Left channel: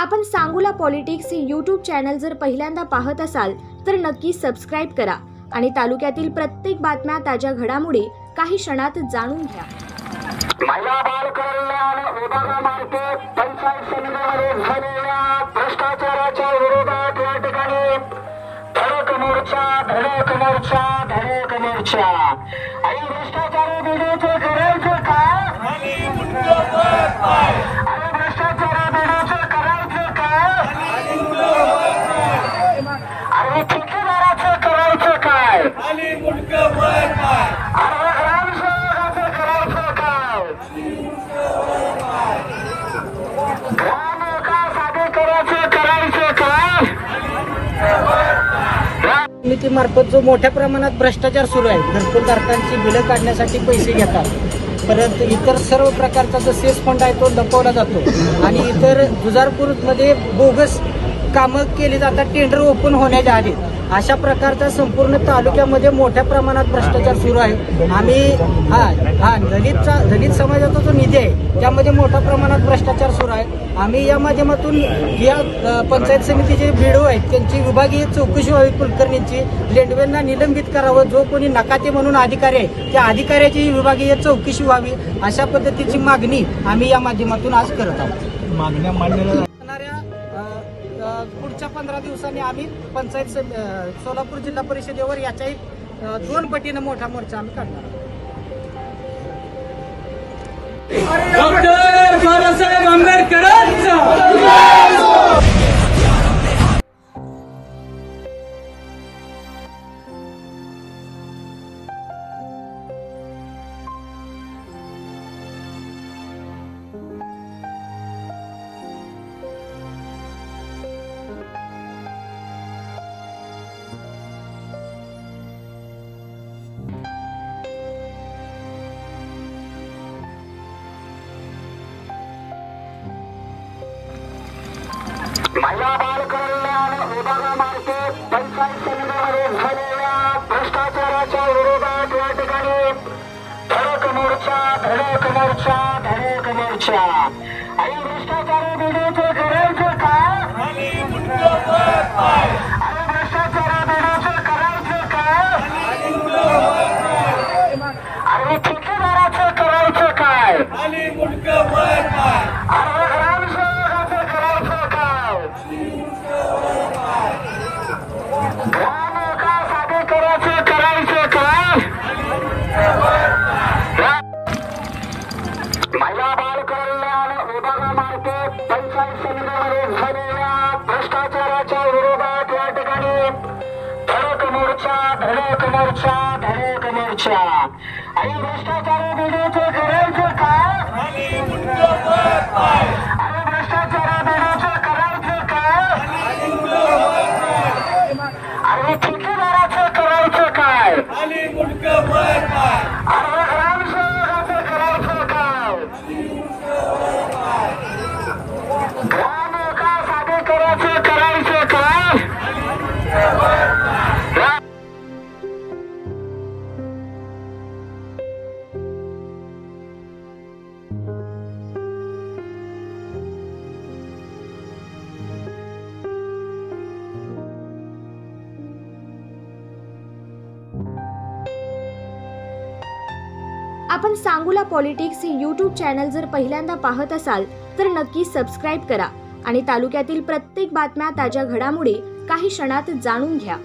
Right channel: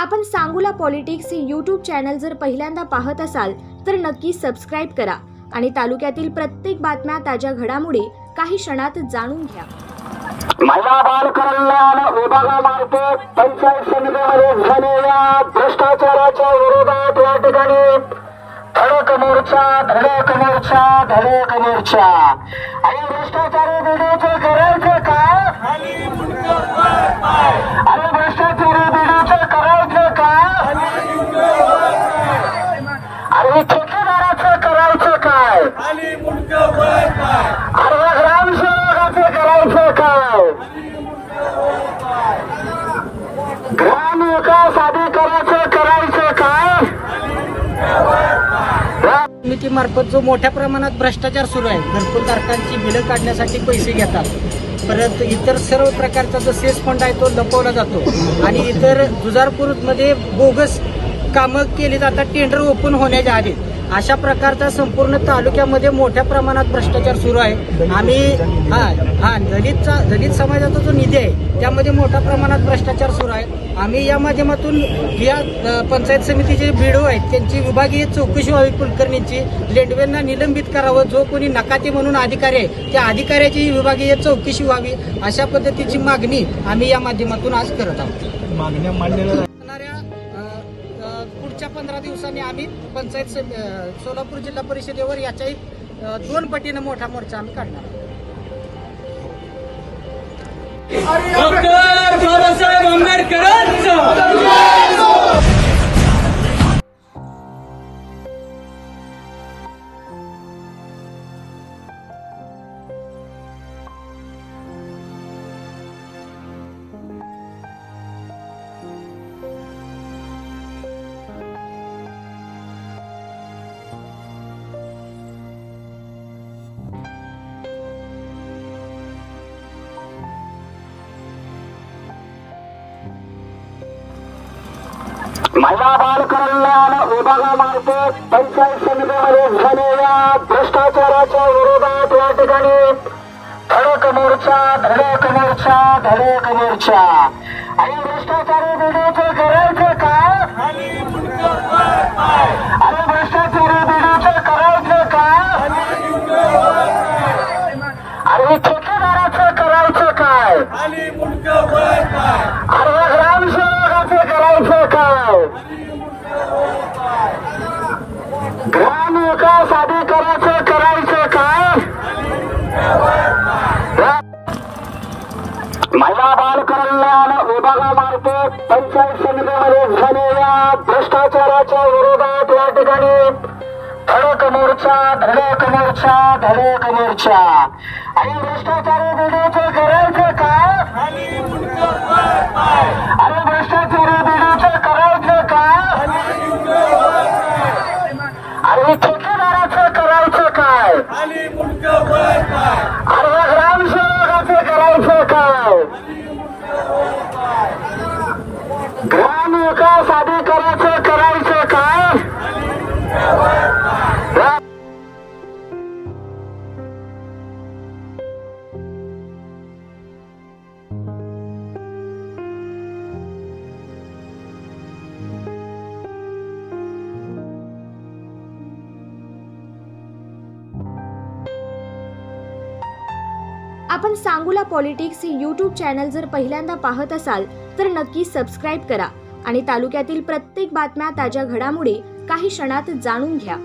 आपण सांगोला पॉलिटिक्स हे YouTube channel जर पहिल्यांदा पाहत असाल तर नक्की सबस्क्राइब करा आणि तालुक्यातील प्रत्येक बातम्या ताज्या घडामोडी काही क्षणात जाणून घ्या। महिला बाल कल्याण विभागामार्फत पंचायत समितीमध्ये झालेल्या भ्रष्टाचाराच्या विरोधात या ठिकाणी धडक मोर्चा आणि भ्रष्टाचारी बिडीचे करायचे काय आणि भ्रष्टाचारी बिडीचे करायचे काय आणि ठेकेदाराचं करायचं काय आणि ग्रामसेवकाचं करायचं काय ग्रामविकास अधिकाऱ्याचं करायचं काय। समितीमार्फत जो मोठ्या प्रमाणात भ्रष्टाचार सुरू आहे, घरकुलधारकांची बिलं काढण्यासाठी पैसे घेतात, परत इतर सर्व प्रकारचा जो सेस फंड आहे तो लपवला जातो आणि इतर जुजारपूरमध्ये बोगस कामं केली जातात टेंडर ओपन होण्याच्या आधी। अशा प्रकारचा संपूर्ण तालुक्यामध्ये मोठ्या प्रमाणात भ्रष्टाचार सुरू आहे। आम्ही दलित समाजाचा जो निधी आहे त्यामध्ये मोठ्या प्रमाणात भ्रष्टाचार सुरू आहे। आम्ही या माध्यमातून या पंचायत समितीचे बीडीओ आहेत त्यांची विभागीय चौकशी व्हावी, कुलकर्णीची लेंडवेंना निलंबित करावं, जो कोणी नकाते म्हणून अधिकारी आहे त्या अधिकाऱ्याची विभागीय चौकशी व्हावी, अशा पद्धतीची मागणी आम्ही या माध्यमातून आज करत आहोत। मागण्या मांडलेल्या पुढच्या 15 दिवसांनी आम्ही पंचायत सोलापूर जिल्हा परिषदेवर याच्याही 2 पटीने मोठा मोर्चा आम्ही काढणार आहोत। डॉक्टर बाबासाहेब आंबेडकर महिला बाल कल्याण विभागामार्फत पंचायत समितीमध्ये झालेल्या भ्रष्टाचाराच्या विरोधात या ठिकाणी धडक मोर्चा आणि भ्रष्टाचारी बिडीचे करायचे काय आणि भ्रष्टाचारी बिडीचे करायचे काय आणि ठेकेदाराचं करायचं काय आणि ग्रामसेवकाचं करायचं काय ग्रामविकास अधिकाऱ्याचं करायचं काय। महिला बाल कल्याण विभागामार्फत पंचायत समितीमध्ये झालेल्या भ्रष्टाचाराच्या विरोधात या ठिकाणी धडक मोर्चा आणि भ्रष्टाचारी बिडीचे करायचे काय आणि भ्रष्टाचारी बिडीचे करायचं काय आणि ठेकेदाराचं करायचं काय आणि ग्रामसेवकाचं करायचं काय ग्रामविकास अधिकाऱ्याचं करायचं काय। आपण सांगोला पॉलिटिक्स हे यूट्यूब चॅनल जर पहिल्यांदा पाहत असाल तर नक्की सबस्क्राइब करा आणि तालुक्यातील प्रत्येक बातम्या ताज्या घडामोडी काही क्षणात जाणून घ्या।